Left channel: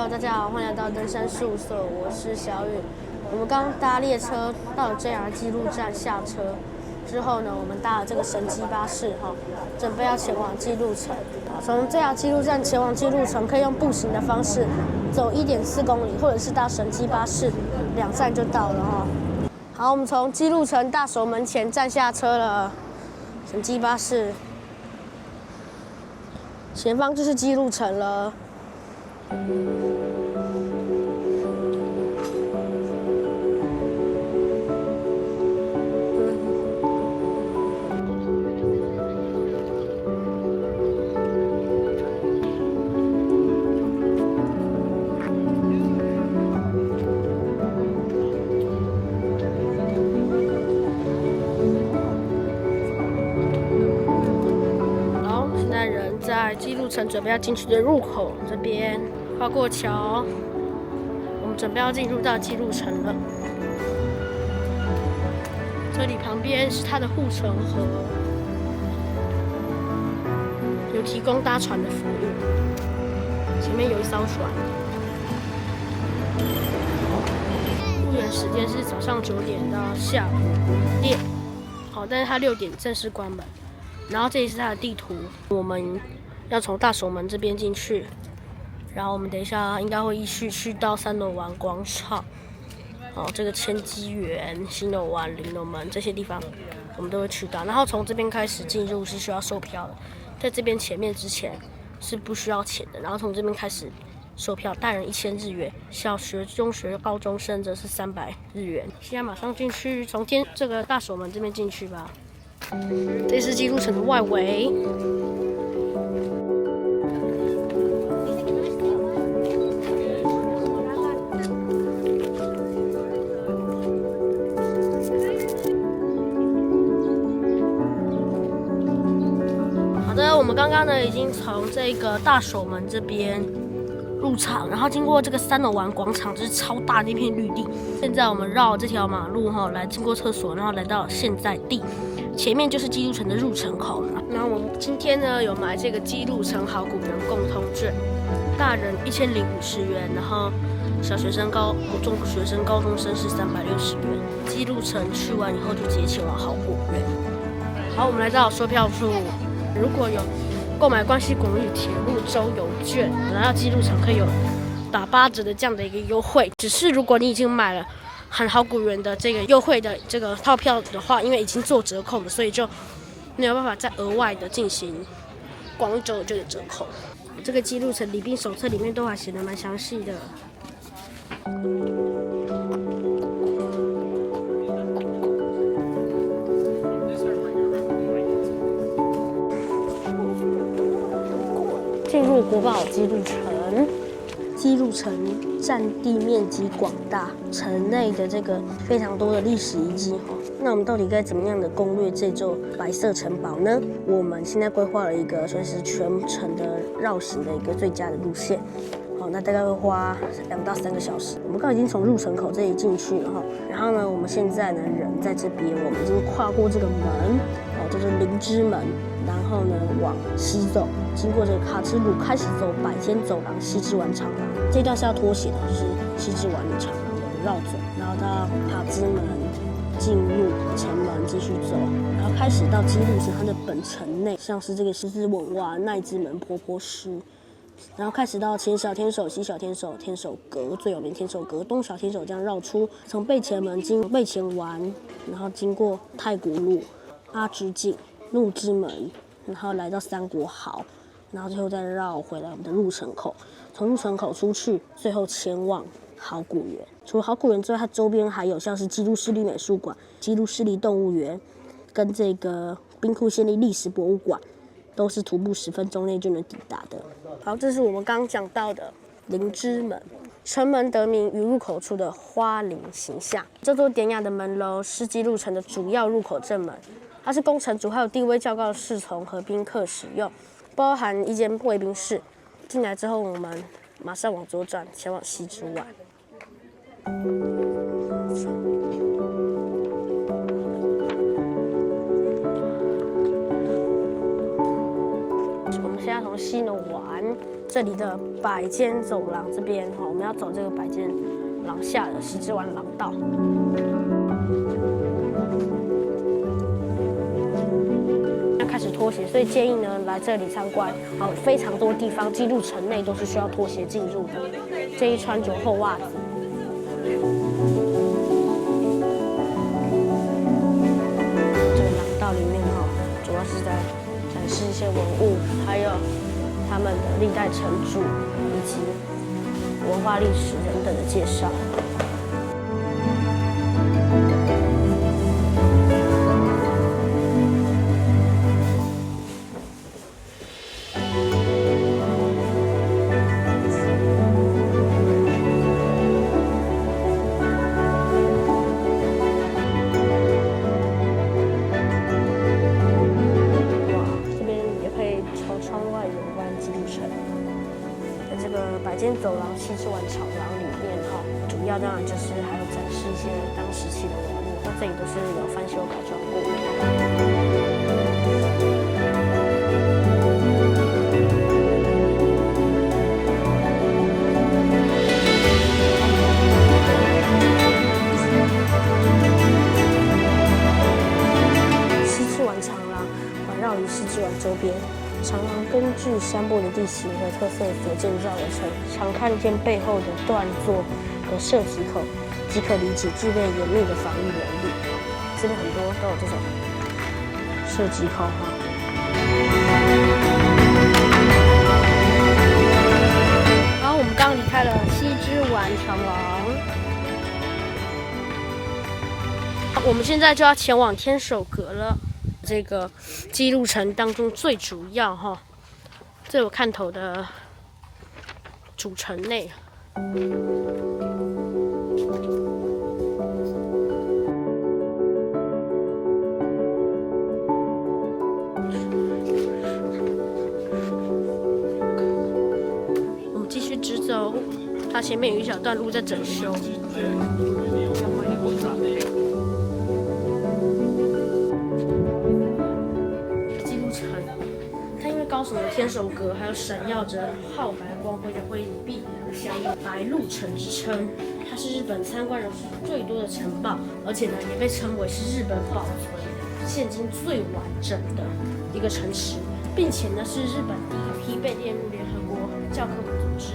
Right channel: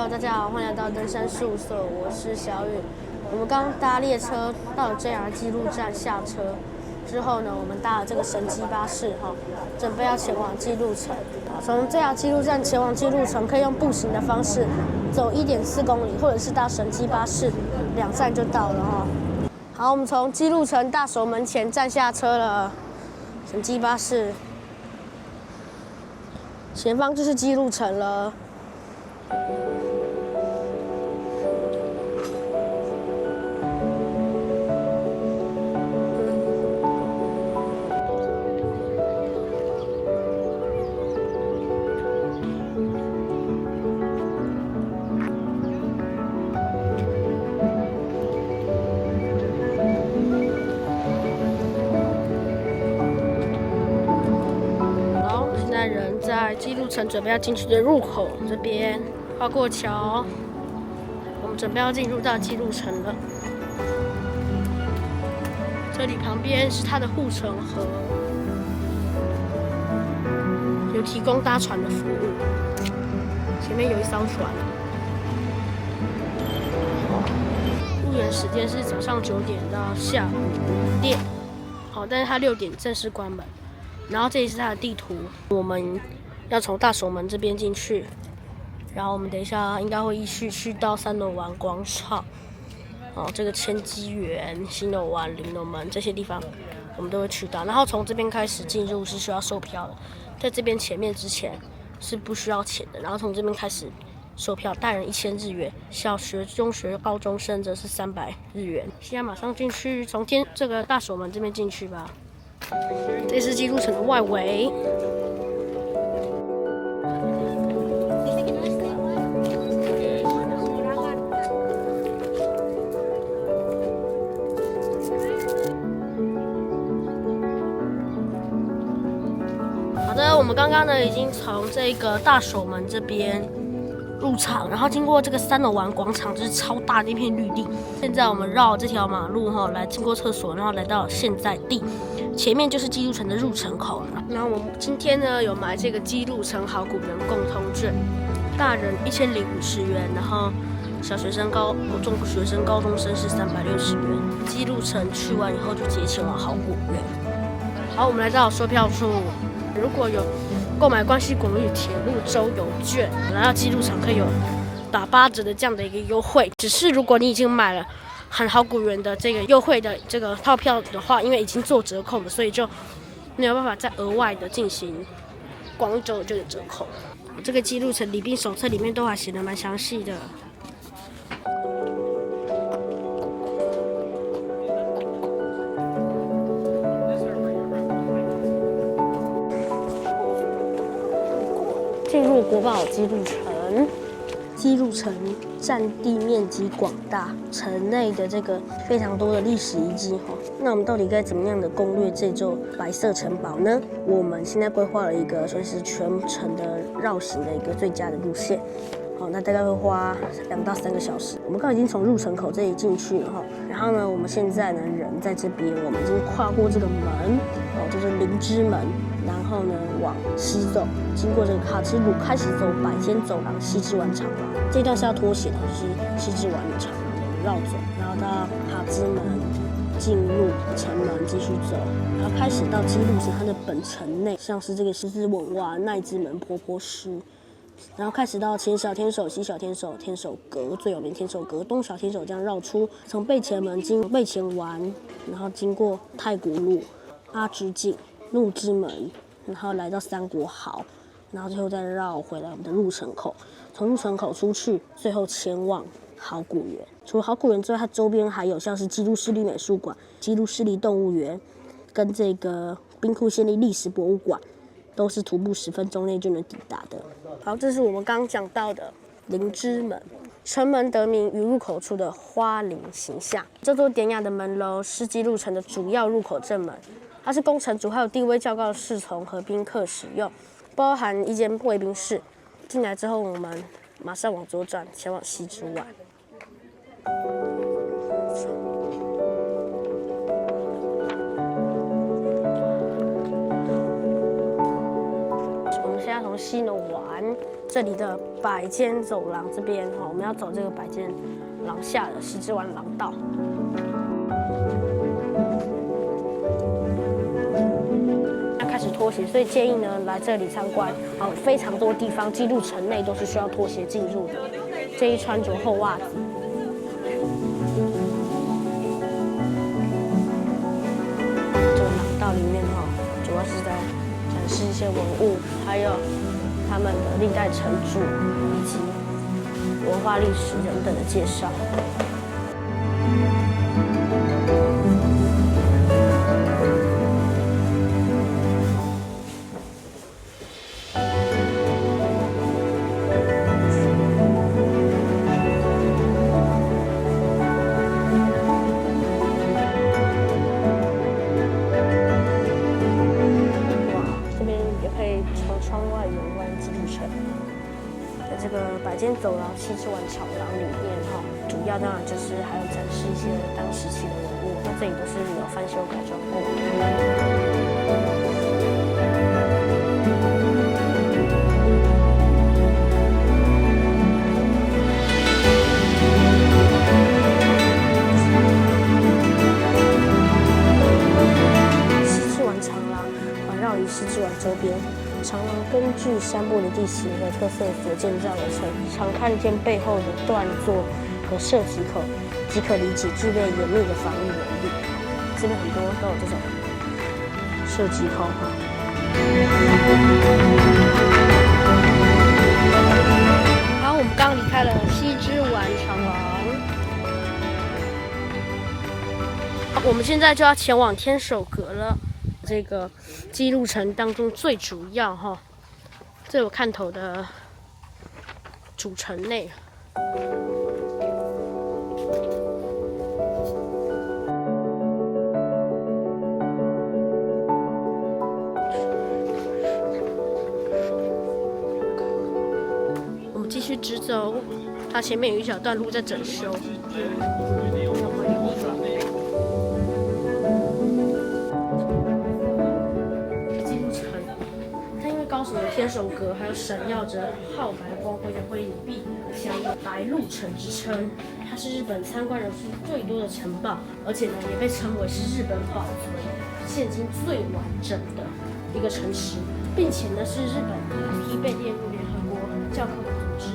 Hello， 大家好，欢迎来到登山事务所，我是小雨。我们刚搭列车到了 JR 基路站下车之后呢，我们搭了这个神机巴士准备要前往基路城。从 JR 基路站前往基路城，可以用步行的方式走1.4公里，或者是搭神机巴士，2站就到了好，我们从基路城大守门前站下车了，神机巴士，前方就是基路城了。现在人在基路城准备要进去的入口这边，跨过桥，我们准备要进入到基路城了。这里旁边是它的护城河，有提供搭船的服务。前面有一艘船。入园时间是早上9点到下午5点，但是它6点正式关门。然后这里是它的地图，我们要从大守门这边进去，然后我们等一下应该会依序去到3楼湾广场，这个千机园、新楼湾、林楼门这些地方我们都会去到。然后从这边开始进入是需要售票的，在这边前面之前是不需要钱的。然后从这边开始售票，大人1000日元，小学、中学、高中生则是300日元。现在马上进去，从这个大守门这边进去吧。这是基路城的外围。好的，我们刚刚呢已经从这个大守门这边入场，然后经过这个3楼湾广场，就是超大的一片绿地。现在我们绕这条马路来经过厕所，然后来到现在地。前面就是基路城的入城口了。那我们今天呢有买这个基路城好古人共通券，大人1050元，然后小学生、中学生、高中生是360元。基路城去完以后就直接前往好古园。好，我们来到售票处，如果有购买关西广域铁路周游券，来到基路城可以有打8折的这样的一个优惠。只是如果你已经买了很好古园的这个优惠的这个套票的话，因为已经做折扣了，所以就没有办法再额外的进行广域周游券的折扣。这个基路城礼宾手册里面都还写得蛮详细的。进入国宝基路城。基路城占地面积广大，城内的这个非常多的历史遗迹那我们到底该怎么样的攻略这座白色城堡呢？我们现在规划了一个算是全程的绕行的一个最佳的路线。那大概会花2到3个小时。我们刚已经从入城口这里进去了然后呢，我们现在呢人在这边，我们已经跨过这个门就是灵芝门，然后呢往西走，经过这个卡之路，开始走百间走廊、西之丸长廊。这段是要脱鞋的，就是西之丸的长廊的绕走，然后到卡之门进入城门继续走，然后开始到基路城它的本城内，像是这个狮子吻袜、奈之门、婆婆师。然后开始到前小天守、西小天守、天守阁，最有名天守阁、东小天守，这样绕出，从背前门经背前丸，然后经过太古路、阿之境、怒之门，然后来到三国壕，然后最后再绕回来我们的入城口。从入城口出去，最后前往好古园。除了好古园之外，它周边还有像是基督市立美术馆、基督市立动物园，跟这个兵库县立历史博物馆。都是徒步10分钟内就能抵达的。好，这是我们刚刚讲到的灵芝门。城门得名于入口处的花灵形象。这座典雅的门楼是基路城的主要入口正门，它是供城主还有地位较高的侍从和宾客使用，包含一间卫兵室。进来之后，我们马上往左转，前往西之丸。们现在从西呢往这里的百间走廊这边哈，我们要走这个百间廊下的西之丸廊道。要开始脱鞋，所以建议呢来这里参观，非常多地方进入城内都是需要脱鞋进入的，建议穿着厚袜子。这个廊道里面哈，主要是在展示一些文物，还有他们的历代城主以及文化历史等等的介绍。从窗外远观基督城，在这个百间走廊西之丸长廊里面哈，主要当然就是还有展示一些当时期的文物，那这里都是有翻修改装过的。长廊环绕于西之丸周边，长廊根据山部的地形和特色所建造而成。常看见背后的断座和射击口，即可理解具备严密的防御能力。这边很多都有这种射击口哈。然后我们刚离开了西之丸长廊，我们现在就要前往天守阁了。这个姬路城当中最主要哈、最有看头的主城内。我们继续直走，它前面有一小段路在整修。高耸的天守阁，还有闪耀着皓白光辉的灰泥壁，享有“白鹿城”之称。它是日本参观人数最多的城堡，而且呢，也被称为是日本保存现今最完整的一个城池，并且呢，是日本第一批被列入联合国教科文组织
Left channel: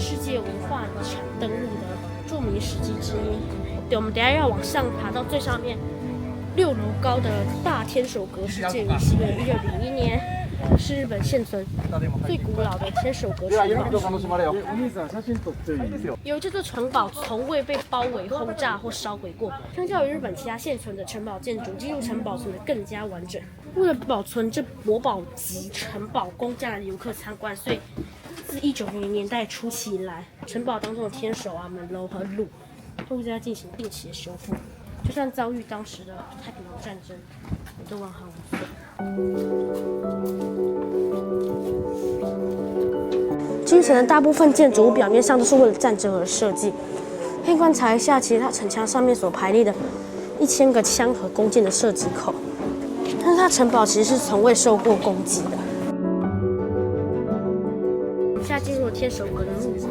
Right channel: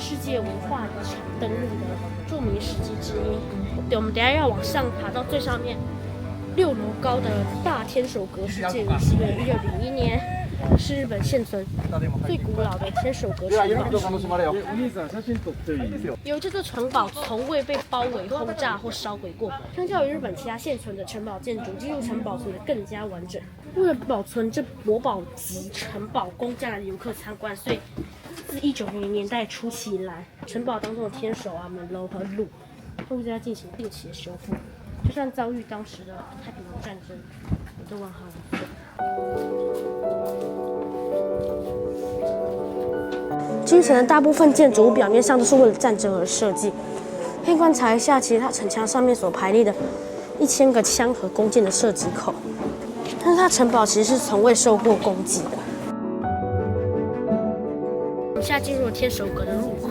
世界文化遗产登录的著名史迹之一。对，我们等一下要往上爬到最上面6楼高的大天守阁，是建于西元1601年。是日本现存最古老的天守阁城堡。由于这座城堡从未被包围、轰炸或烧毁过，相较于日本其他现存的城堡建筑，姬路城保存得更加完整。为了保存这国宝级城堡供将来的游客参观，所以自1900年代初期以来，城堡当中的天守门楼和路都在进行定期的修复。就算遭遇当时的太平洋战争，也都完好无损。京城的大部分建筑物表面上都是为了战争而设计。可以观察一下，其实它城墙上面所排列的1000个枪和弓箭的射击口，但是它城堡其实是从未受过攻击的。我们现在进入了天守阁的入口。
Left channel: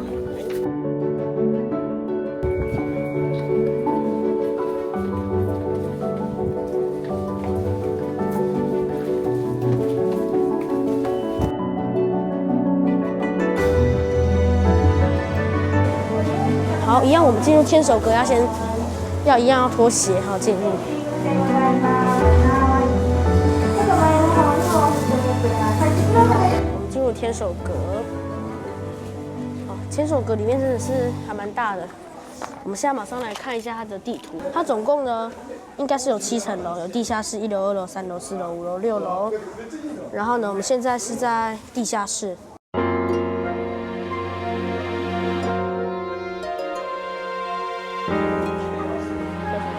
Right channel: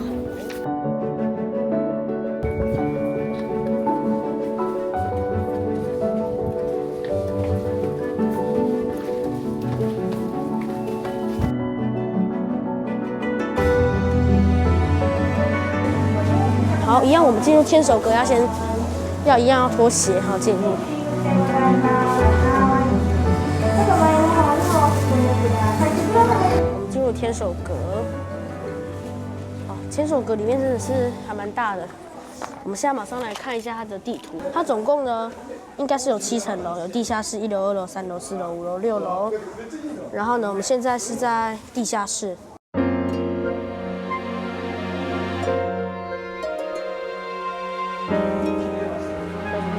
好，一样，我们进入天守阁要一样要脱鞋哈进入。我们进入天守阁。哦，天守阁里面真的是还蛮大的。我们现在马上来看一下它的地图。它总共呢应该是有7层楼，有地下室1楼、2楼、3楼、4楼、5楼、6楼。然后呢，我们现在是在地下室。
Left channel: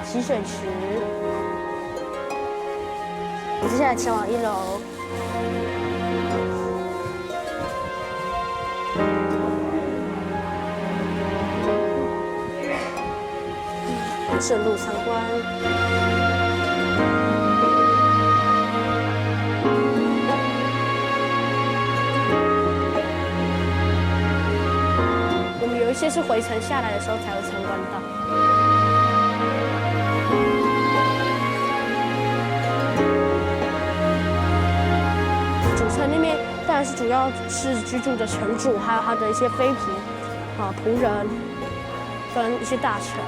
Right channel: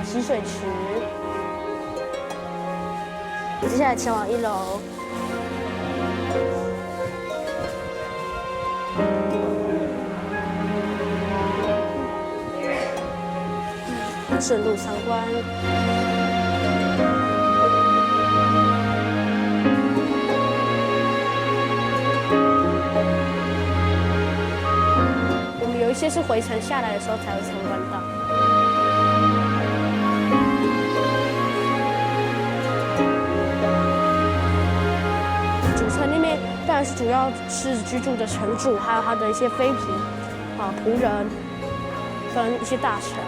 洗水池，接下来前往1楼。顺路参观。有一些是回程下来的时候才会参观到。主城里面当然是主要是居住的城主，还有他的一些妃嫔、仆人跟一些大臣。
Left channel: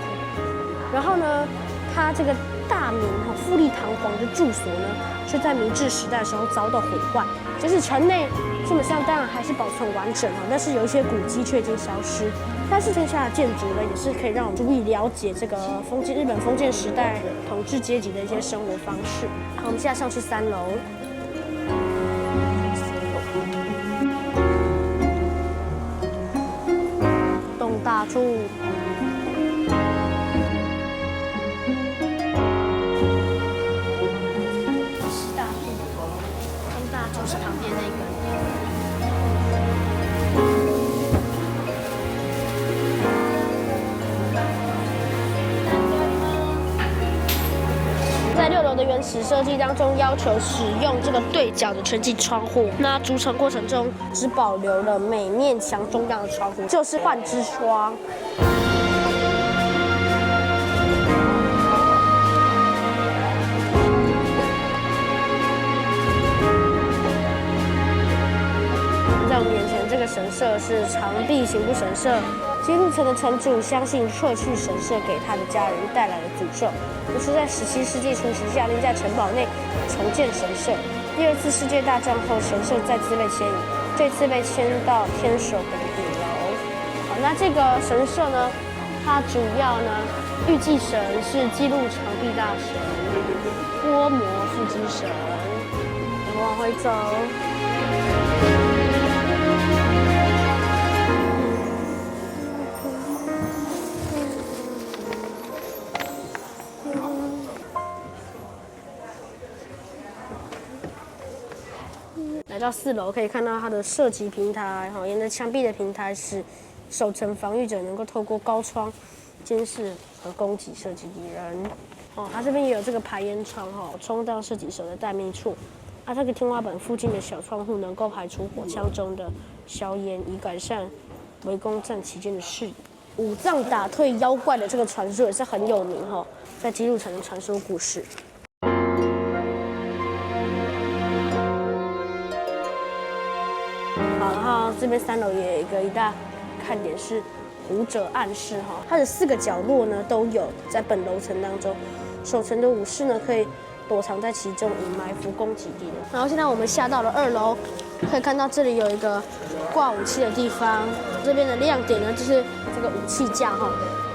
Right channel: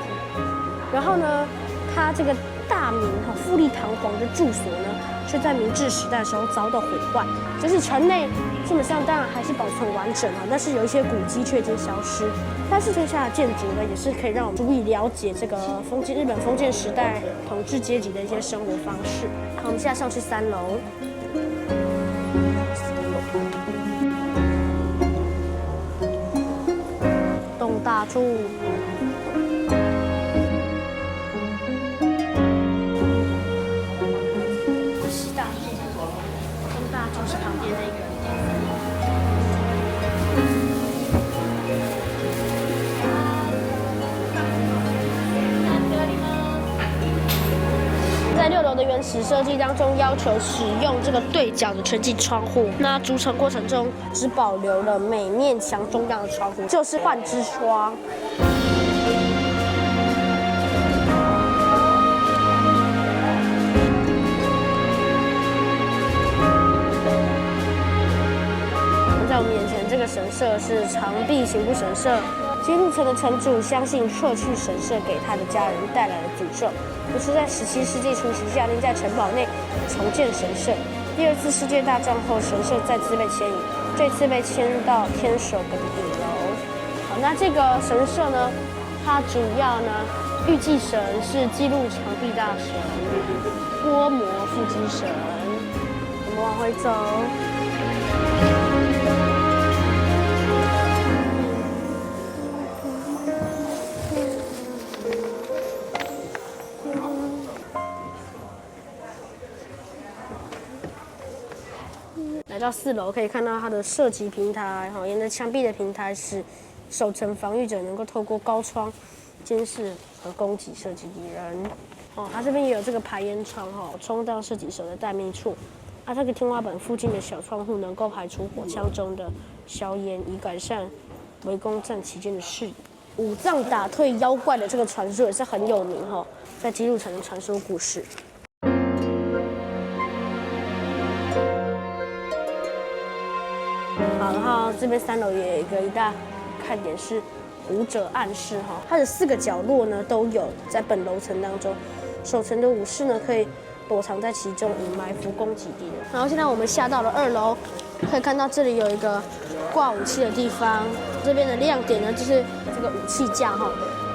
然后呢，他这个大明富丽堂皇的住所呢，却在明治时代的时候遭到毁坏。就是城内基本上当然还是保存完整但是有一些古迹却已经消失。但是剩下的建筑呢，也是可以让我们足以了解这个日本封建时代统治阶级的一些生活方式。好，我们现在上去3楼。东大柱。西大柱。东大柱是旁边那一个。在6楼的原始设计当中，要求使用这个对角的全景窗户。那筑成过程中只保留了每面墙中央的窗户，就是幻之窗。在我们眼前，这个神社是长壁刑部神社。姬路城的城主相信撤去神社给他的家人带来的诅咒，于是在17世纪初期下令在城堡内重建神社。第2次世界大战后，神社再次被迁移，这次被迁到天守阁的顶楼。好，那这个神社呢，它主要呢，御祭神是姬路长臂大神、波摩腹肌神。我们往回走。来到4楼，可以看到它的射击平台，沿着墙壁的平台使守城防御者能够透过高窗监视和攻击射击敌人。它这边也有这个排烟窗，充当射击手的待命处。这个天花板附近的小窗户能够排除火枪中的硝烟，以改善围攻战期间的视野。武藏打退妖怪的这个传说也是很有名在姬路城的传说故事。好，然后这边3楼也有一大看点是武者暗室它的4个角落呢都有在本楼层当中，守城的武士呢可以躲藏在其中以埋伏攻击敌人。然后现在我们下到了2楼，可以看到这里有一个挂武器的地方。这边的亮点呢就是这个武器架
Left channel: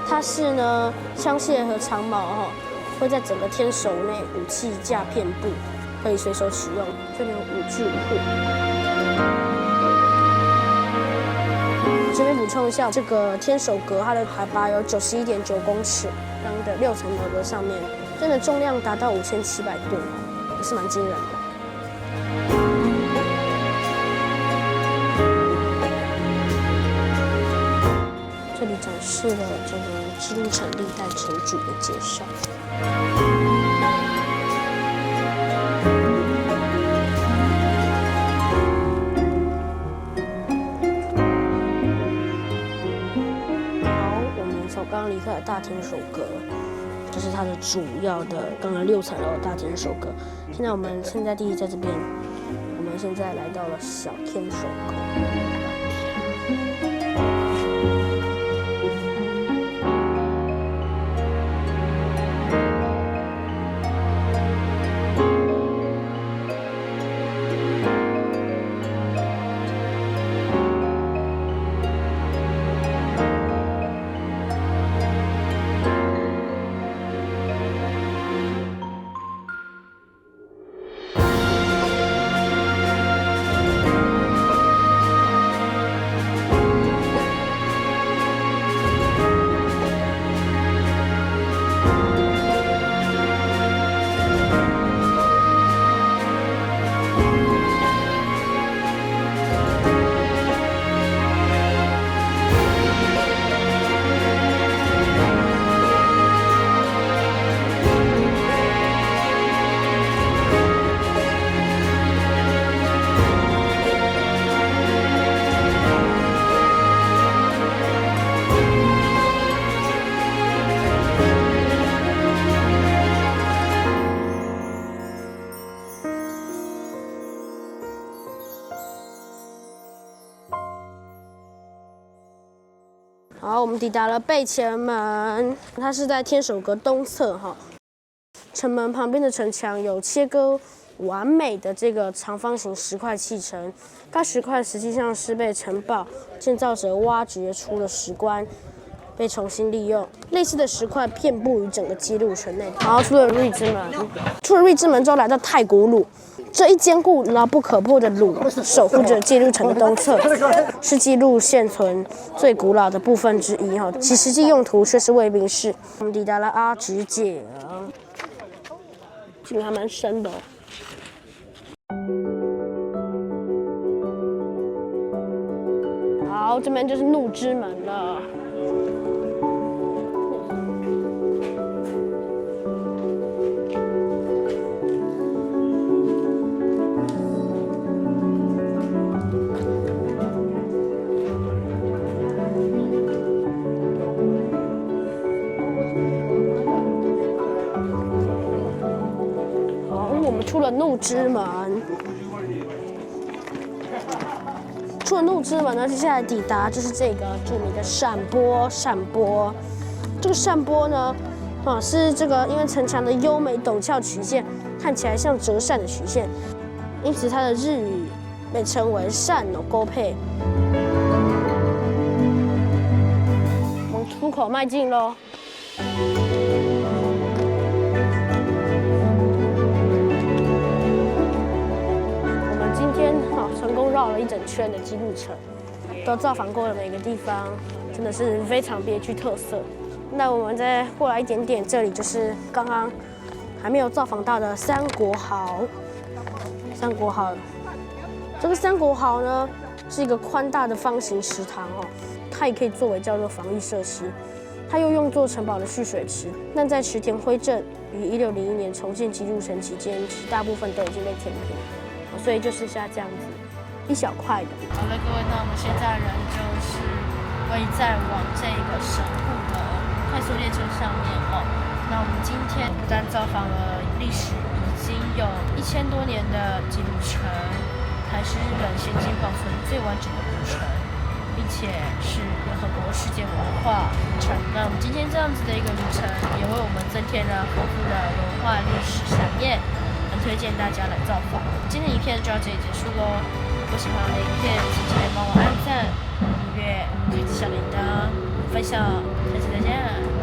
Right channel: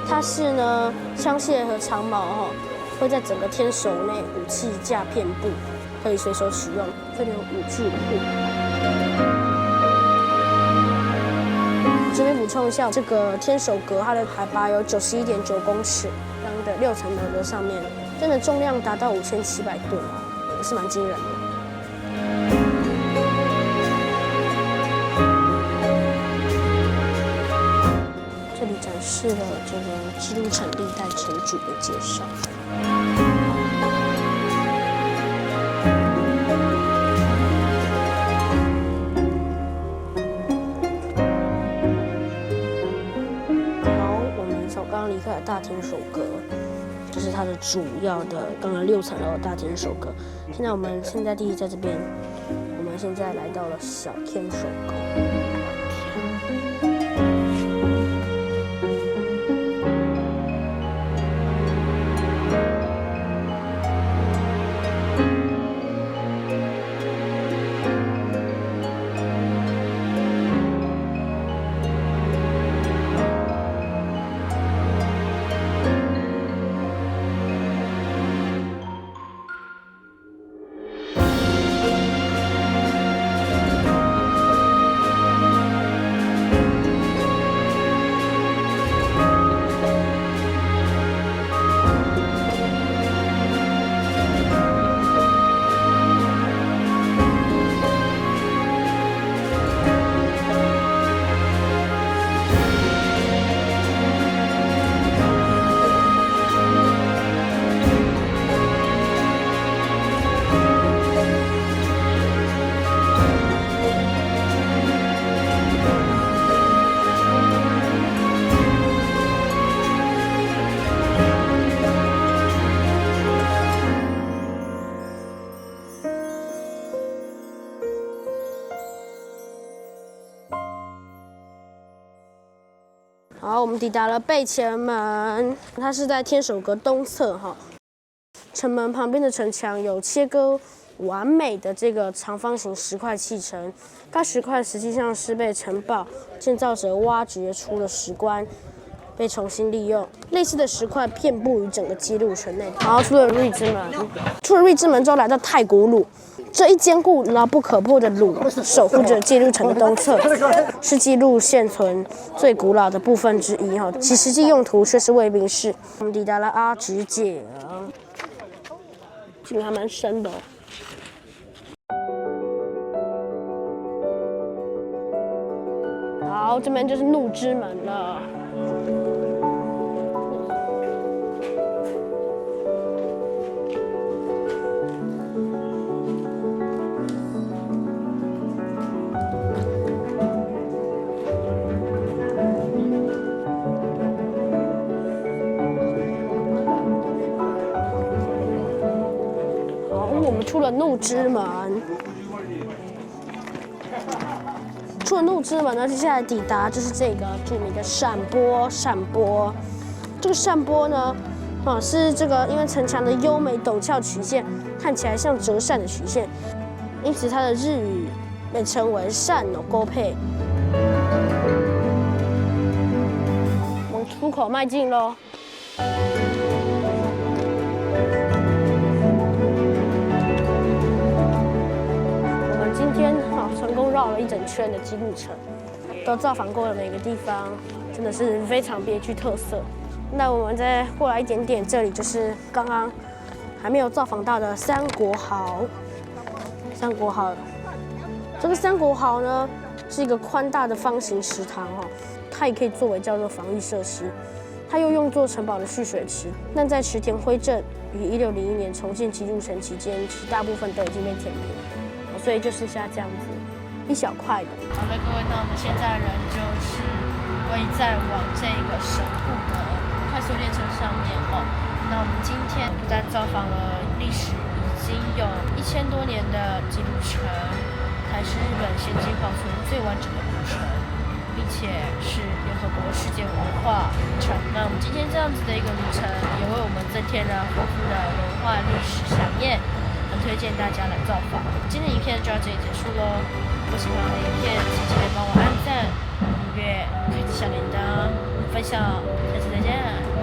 它是呢枪械和长矛会在整个天守内武器架遍布，可以随手取用。这里有武具库。这边补充一下，这个天守阁它的海拔有91.9公尺，刚的6层楼的上面，真的重量达到5700吨也是蛮惊人的。这里展示了这个姬路城历代城主的介绍。刚刚离开了大天守阁，这是它的主要的刚刚6层楼的大天守阁。现在我们现在地在这边，我们现在来到了小天守阁。好，我们抵达了背前门，它是在天守阁东侧哈。城门旁边的城墙有切割完美的这个长方形石块砌成，该石块实际上是被城堡建造者挖掘出的石棺，被重新利用。类似的石块遍布于整个基路城内。然后出了瑞之门，出了瑞之门之后来到太古鲁。这一坚固牢不可破的鲁守护着基路城的东侧，是基路现存最古老的部分之一哈，其实际用途却是卫兵室。我们抵达了阿直井，井还蛮深的好，这边就是怒之门了。我们出了怒之门，出了怒之门呢，接下来抵达就是这个著名的扇波。这个扇波呢，是这个因为城墙的优美陡峭曲线，看起来像折扇的曲线，因此它的日语被称为扇の勾配。往出口迈进喽。今天成功绕了一整圈的基路城，都造访过的每个地方，真的是非常别具特色。那我们再过来一点点，这里就是刚刚还没有造访到的三国壕。这个三国壕呢，是一个宽大的方形池塘它也可以作为叫做防御设施。它又用作城堡的蓄水池，但在池田辉正于1601年重建基路城期间，其大部分都已经被填平。所以就剩下这样子一小块的。好了，各位，那我们现在人就是位在往这个神户的快速列车上面那我们今天不但造访了历史已经有1000多年的基路城，还是日本现今保存最完整的古城，并且是联合国世界文化遗产。那我们今天这样子的一个旅程，也为我们增添了丰富的文化历史飨宴。很推荐大家来造访。今天影片就到这里结束喽。如果喜欢我的影片，请记得帮我按赞、订阅、开启小铃铛、分享。下期再见。